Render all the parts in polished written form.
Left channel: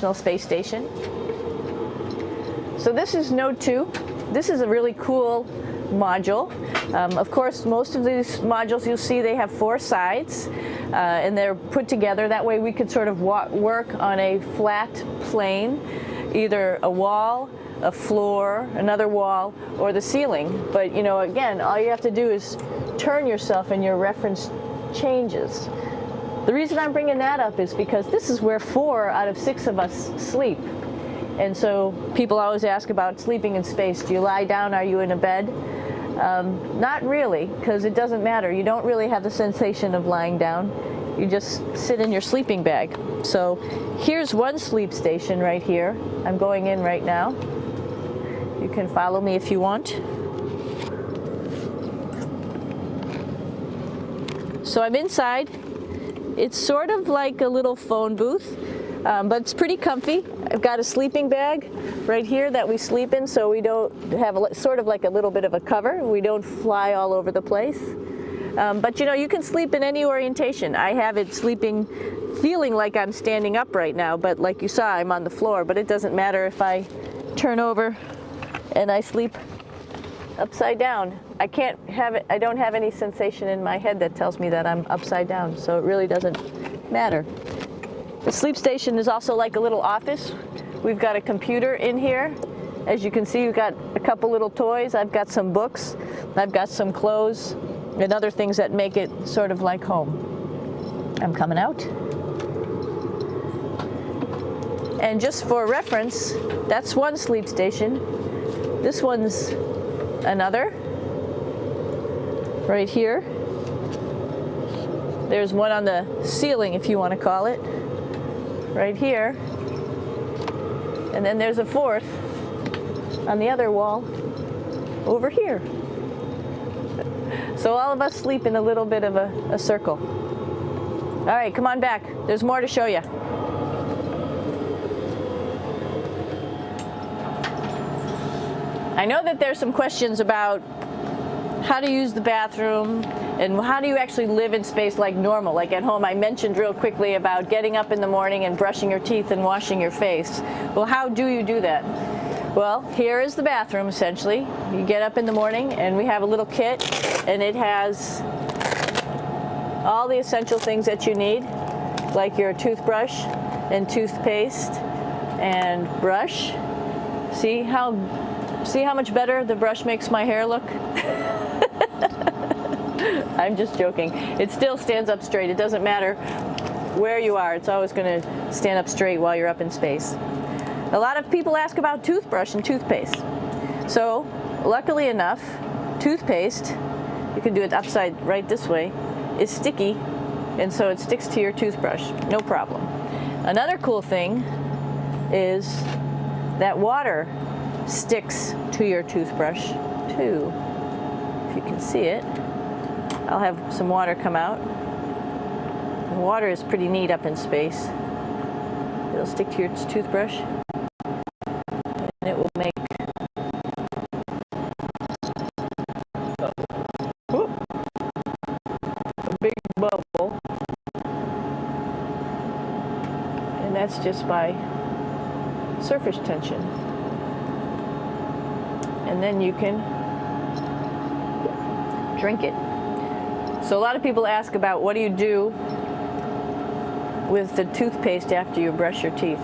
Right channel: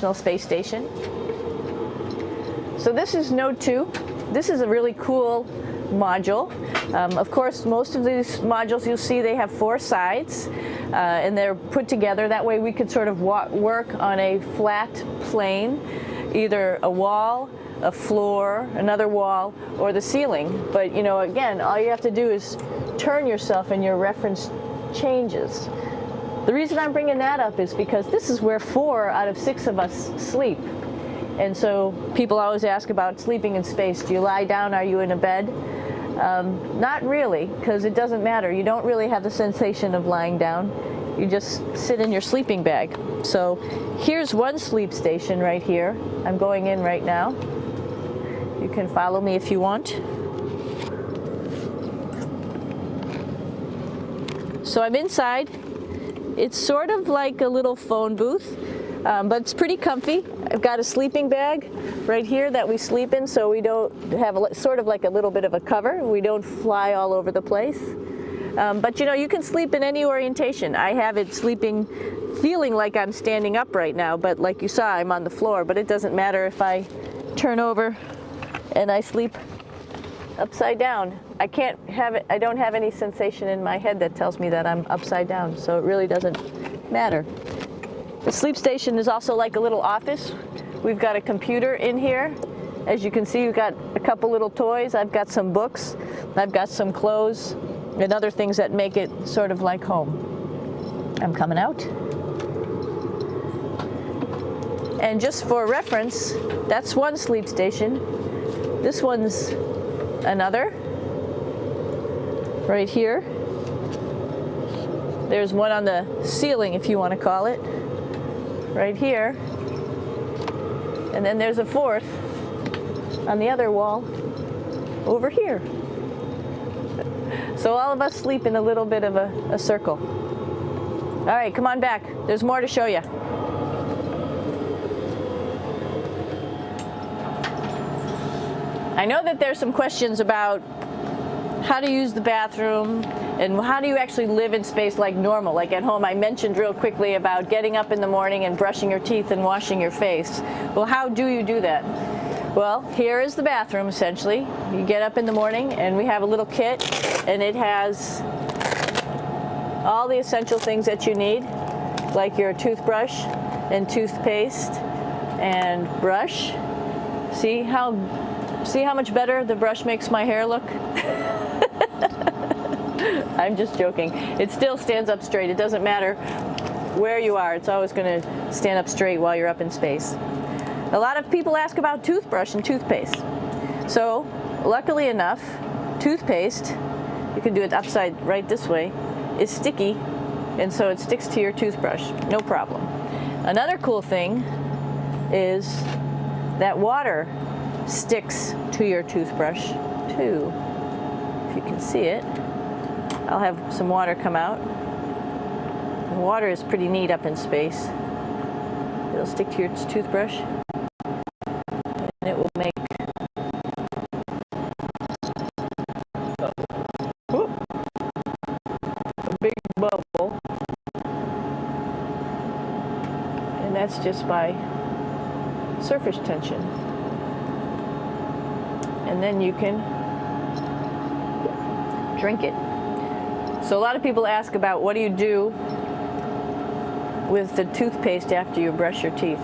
International Space Station. So this is Node 2. This is a really cool module. Of course, most of these modules you'll see they have 4 sides and they're put together. That way we could sort of work on a flat plane, either a wall, a floor, another wall, or the ceiling. But you know, again, all you have to do is turn yourself and your reference changes. The reason I'm bringing that up is because this is where 4 out of 6 of us sleep. And so people always ask about sleeping in space. Do you lie down? Are you in a bed? Not really, because it doesn't matter. You don't really have the sensation of lying down. You just sit in your sleeping bag. So here's one sleep station right here. I'm going in right now. You can follow me if you want. So I'm inside. It's sort of like a little phone booth, but it's pretty comfy. I've got a sleeping bag right here that we sleep in, so we don't have sort of like a little bit of a cover. We don't fly all over the place. But you know, you can sleep in any orientation. I have it sleeping, feeling like I'm standing up right now, but like you saw, I'm on the floor. But it doesn't matter if I turn over and I sleep upside down. I can't have it, I don't have any sensation in my head that tells me that I'm upside down, so it really doesn't matter. The sleep station is also like a little office. We've got a computer in here. As you can see, we've got a couple little toys. I've got some books. I've got some clothes and other things that make it sort of like home. I'm coming out. And just for reference, that's one sleep station. This one's another. Right here. There's one on the ceiling, if you want to call it. Right here. And then there's a 4th on the other wall over here. So all of us sleep in a little bit of a circle. All right, come on back. There's more to show you. I know that there's some questions about how to use the bathroom and how do you actually live in space like normal, like at home. I mentioned real quickly about getting up in the morning and brushing your teeth and washing your face. Well, how do you do that? Well, here is the bathroom essentially. You get up in the morning and we have a little kit and it has all the essential things that you need, like your toothbrush and toothpaste and brush. See how See how much better the brush makes my hair look? I'm just joking. It still stands up straight. It doesn't matter where you are. It's always going to stand up straight while you're up in space. A lot of people ask about toothbrush and toothpaste. So, luckily enough, toothpaste, you can do it upside right this way, is sticky, and so it sticks to your toothbrush. No problem. Another cool thing is that water sticks to your toothbrush too. If you can see it, I'll have some water come out. The water is pretty neat up in space. It'll stick to your toothbrush and it will make a big bubble, and that's just by surface tension. And then you can drink it. So a lot of people ask about what do you do with the toothpaste after you brush your teeth.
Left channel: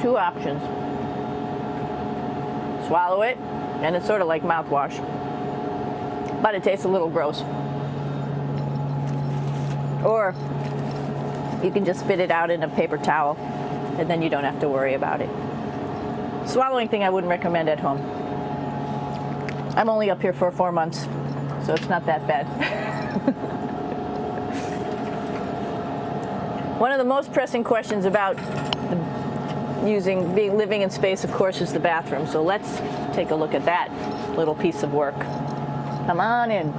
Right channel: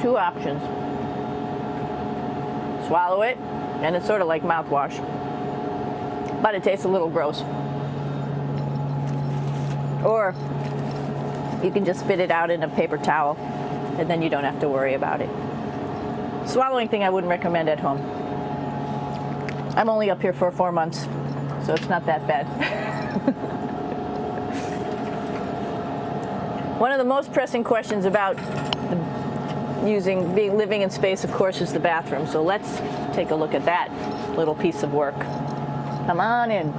Two options. Swallow it, and it's sort of like mouthwash, but it tastes a little gross. Or you can just spit it out in a paper towel, and then you don't have to worry about it. Swallowing thing I wouldn't recommend at home. I'm only up here for 4 months, so it's not that bad. One of the most pressing questions about living in space, of course, is the bathroom. So let's take a look at that little piece of work. Come on in.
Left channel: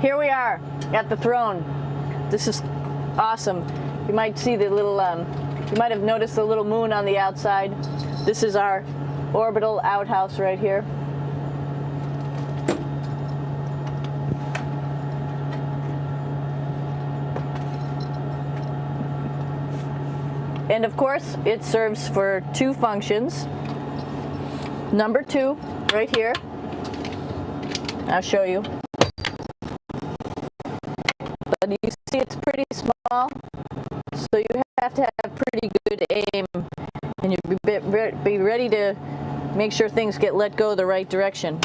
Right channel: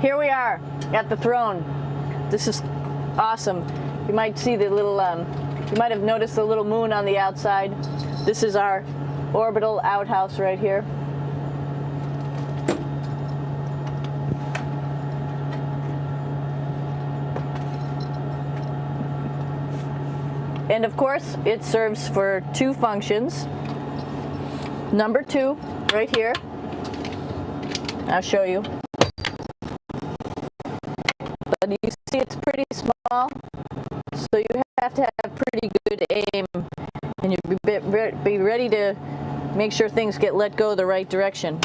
Here we are at the throne. This is awesome. You might see the little, you might have noticed the little moon on the outside. This is our orbital outhouse right here. And of course, it serves for two functions. Number 2, right here. I'll show you. But you see it's pretty small, so you have to have pretty good aim, and you be ready to make sure things get let go the right direction.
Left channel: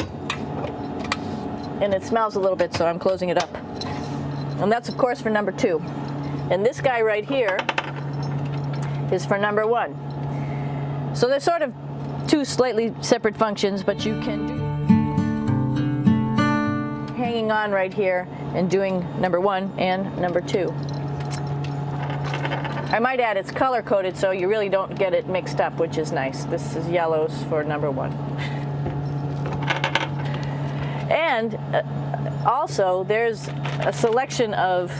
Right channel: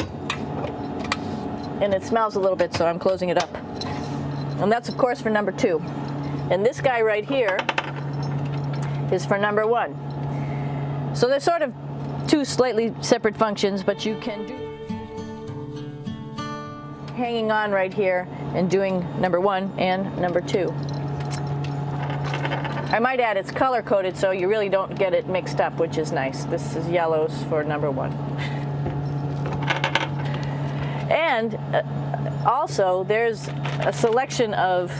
And it smells a little bit, so I'm closing it up. And that's, of course, for number 2. And this guy right here is for number 1. So they're sort of two slightly separate functions, but you can do hanging on right here and doing number 1 and number 2. I might add it's color coded, so you really don't get it mixed up, which is nice. This is yellows for number 1. And also there's a selection of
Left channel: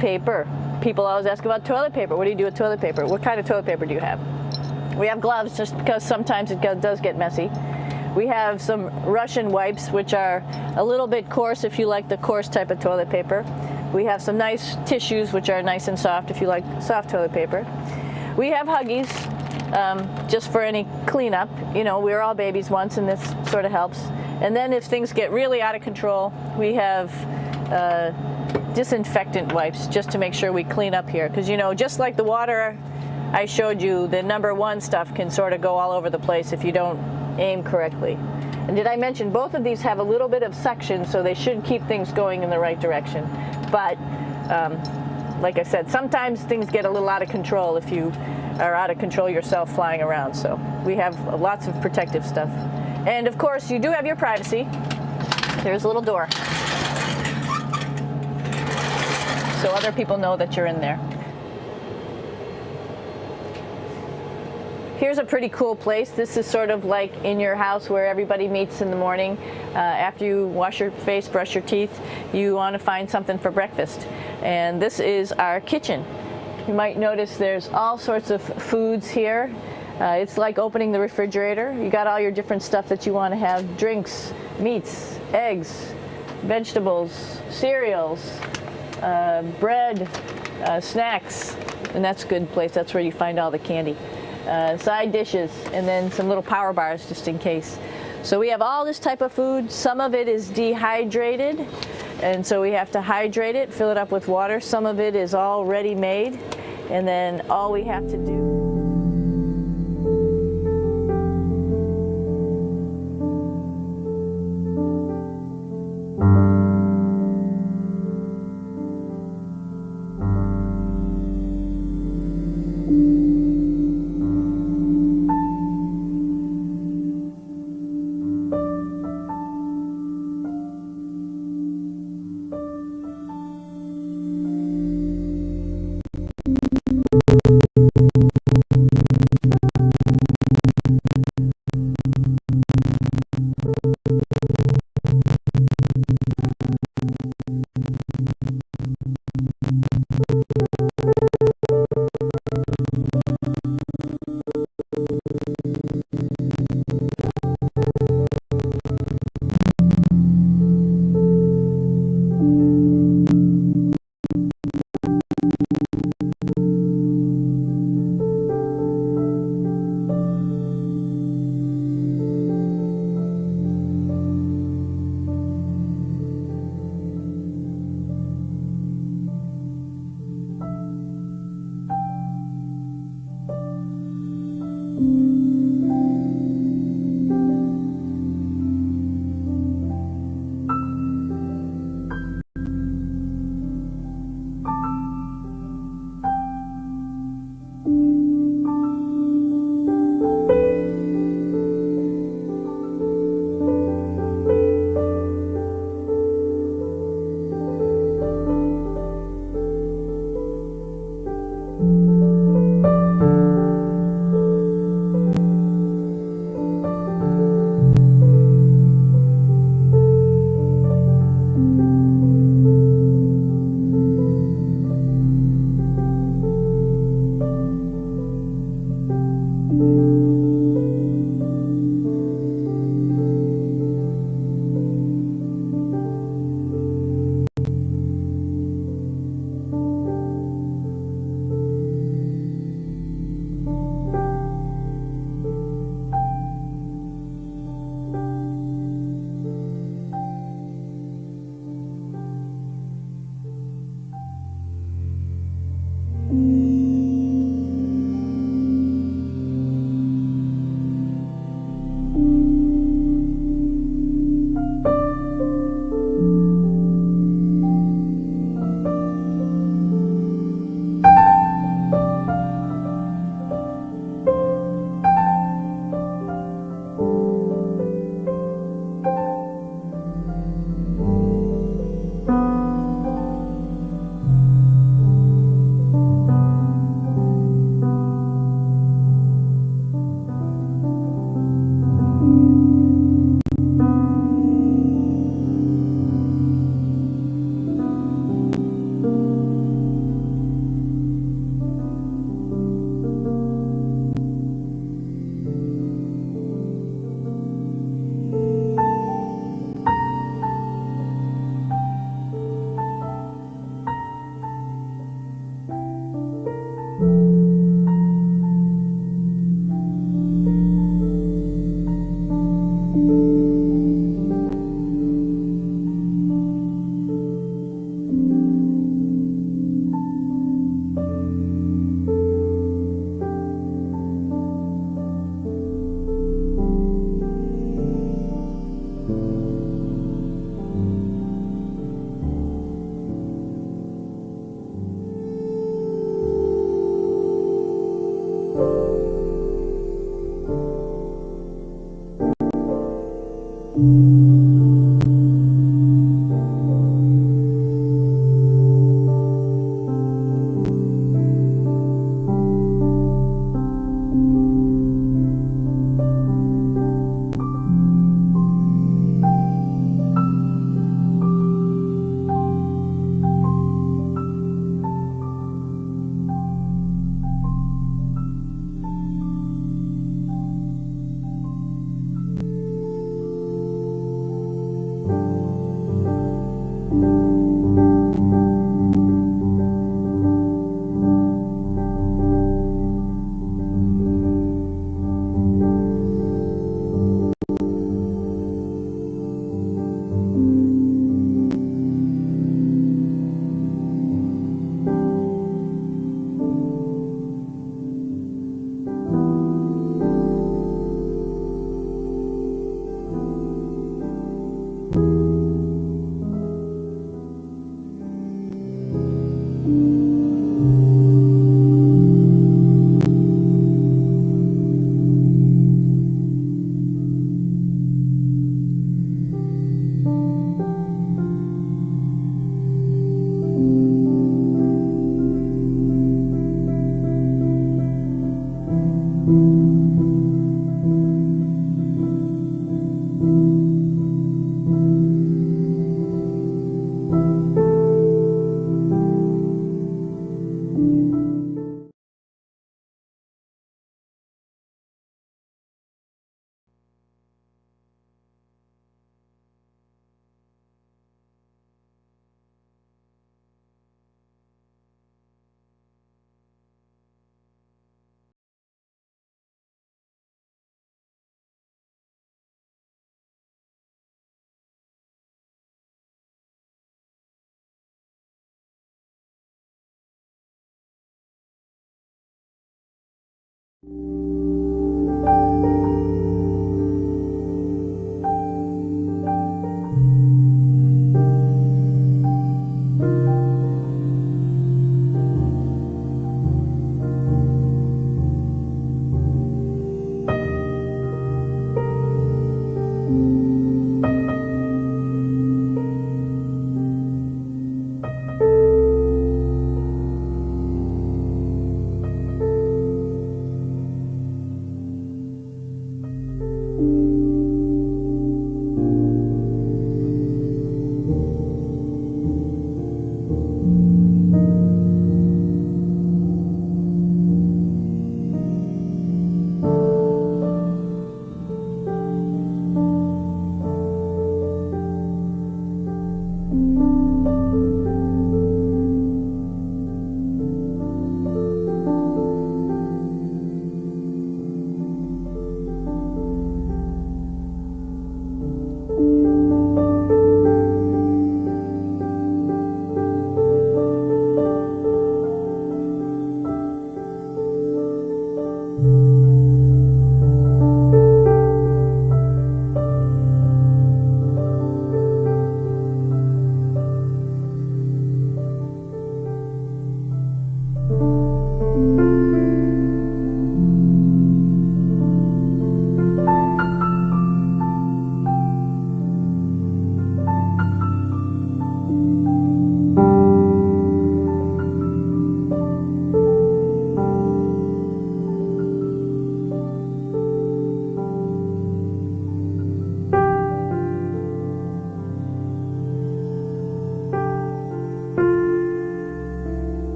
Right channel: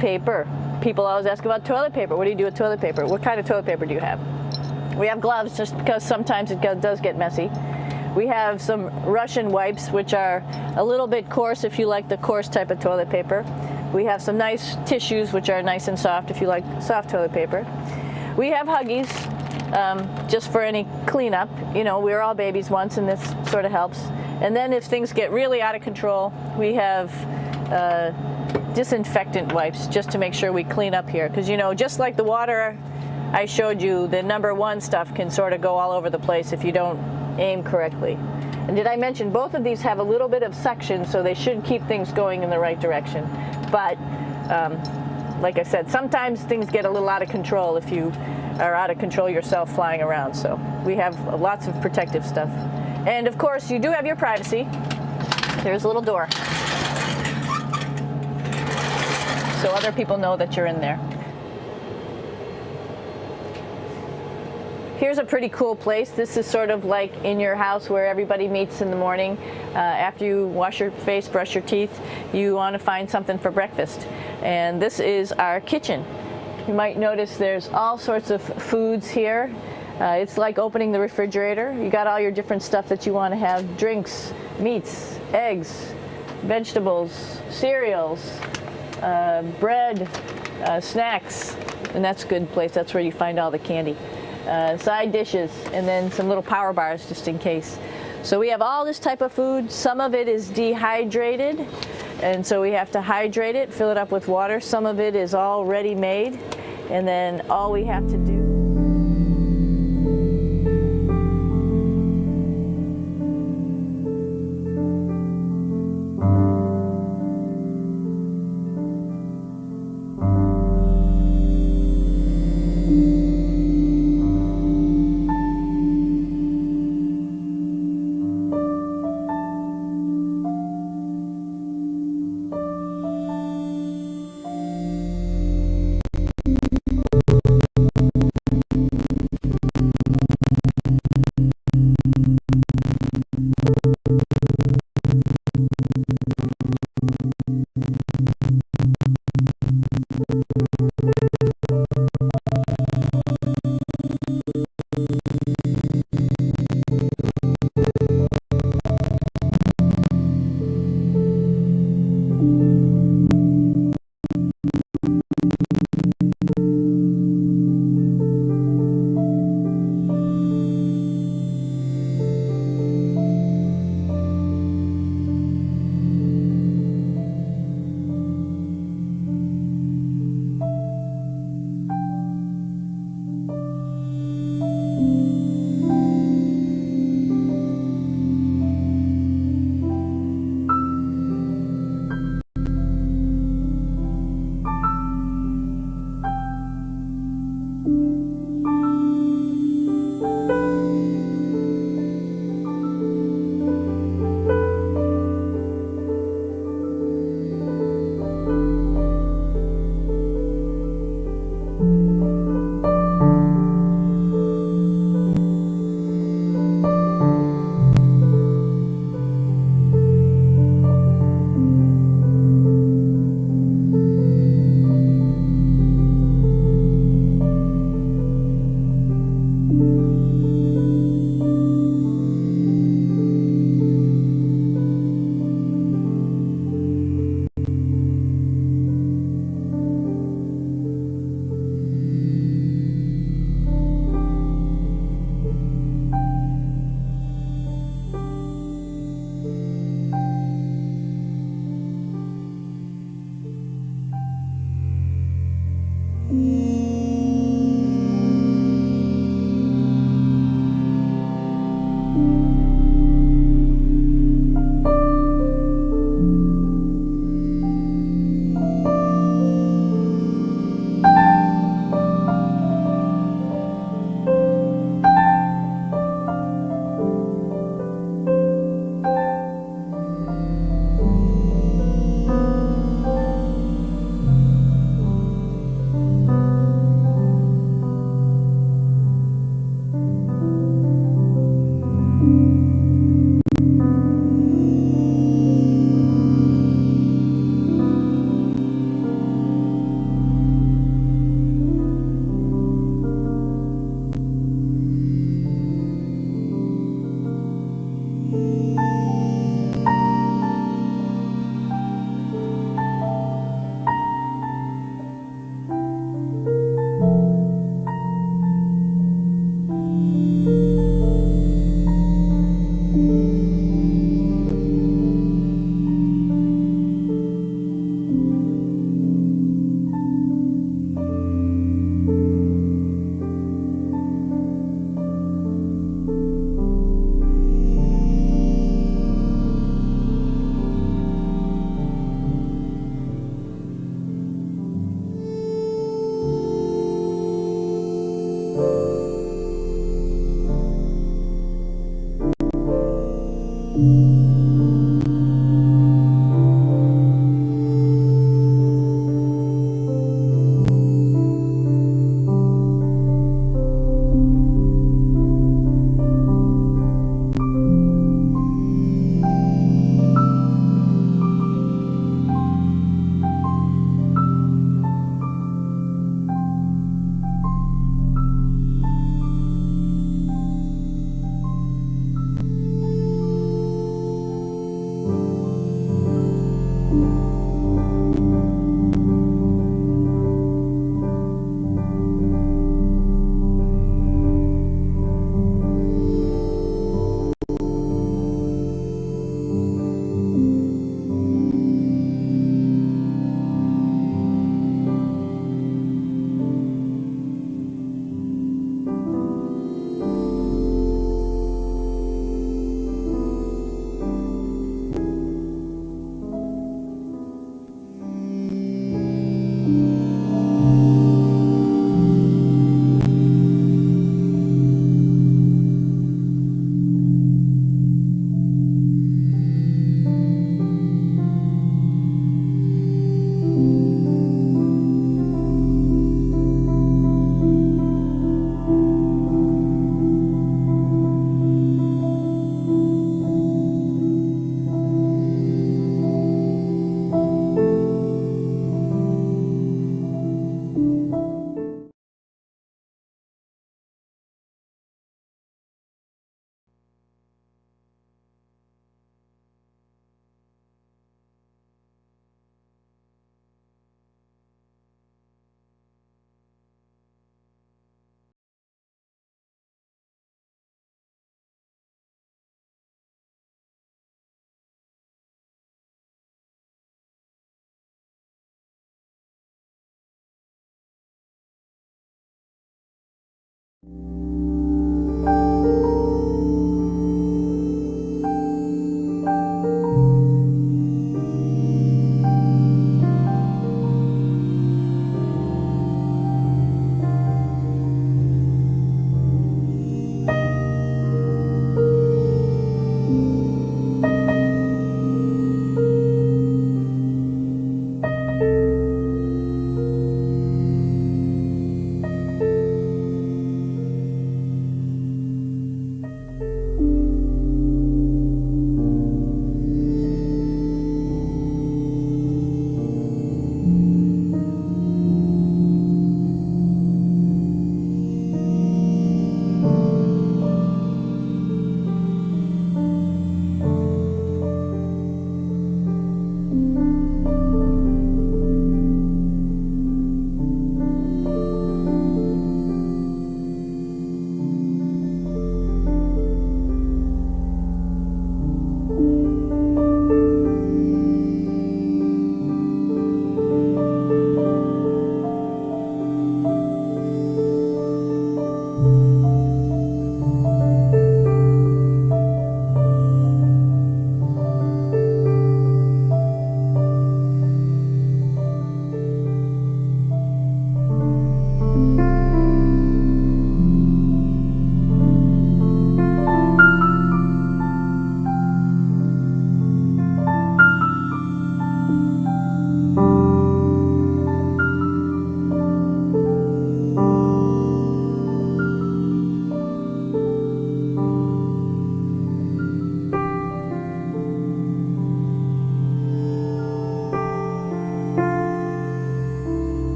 paper. People always ask about toilet paper. What do you do with toilet paper? What kind of toilet paper do you have? We have gloves, just because sometimes it does get messy. We have some Russian wipes, which are a little bit coarse if you like the coarse type of toilet paper. We have some nice tissues, which are nice and soft if you like soft toilet paper. We have Huggies, just for any cleanup. You know, we were all babies once, and this sort of helps. And then if things get really out of control, we have disinfectant wipes, just to make sure we clean up here. Because, you know, just like the water I showed you, the number 1 stuff can sort of go all over the place if you don't aim correctly. And did I mention both of these have a little bit of suction, so they should keep things going in the right direction. But like I said, sometimes things get a little out of control if you are out of control yourself flying around. So we have lots of protective stuff. And of course, you do have your privacy. There's a little door, so other people know that you're in there. Here's a pretty cool place. This is sort of like in your house where everybody meets in the morning. After you wash your face, brush your teeth, you want to find something for breakfast. And this is our kitchen. You might notice there's all sorts of foods here. It's like opening the refrigerator. You got all your different stuff that you want to have: drinks, meats, eggs, vegetables, cereals, bread, snacks. And that's a good place. That's where you find all the candy. side dishes, and then some little power bars just in case. So we have all this type of food. Some of it is dehydrated, and so we have to hydrate it, fill it up with water. Some of it is all ready made, and then all we have to do.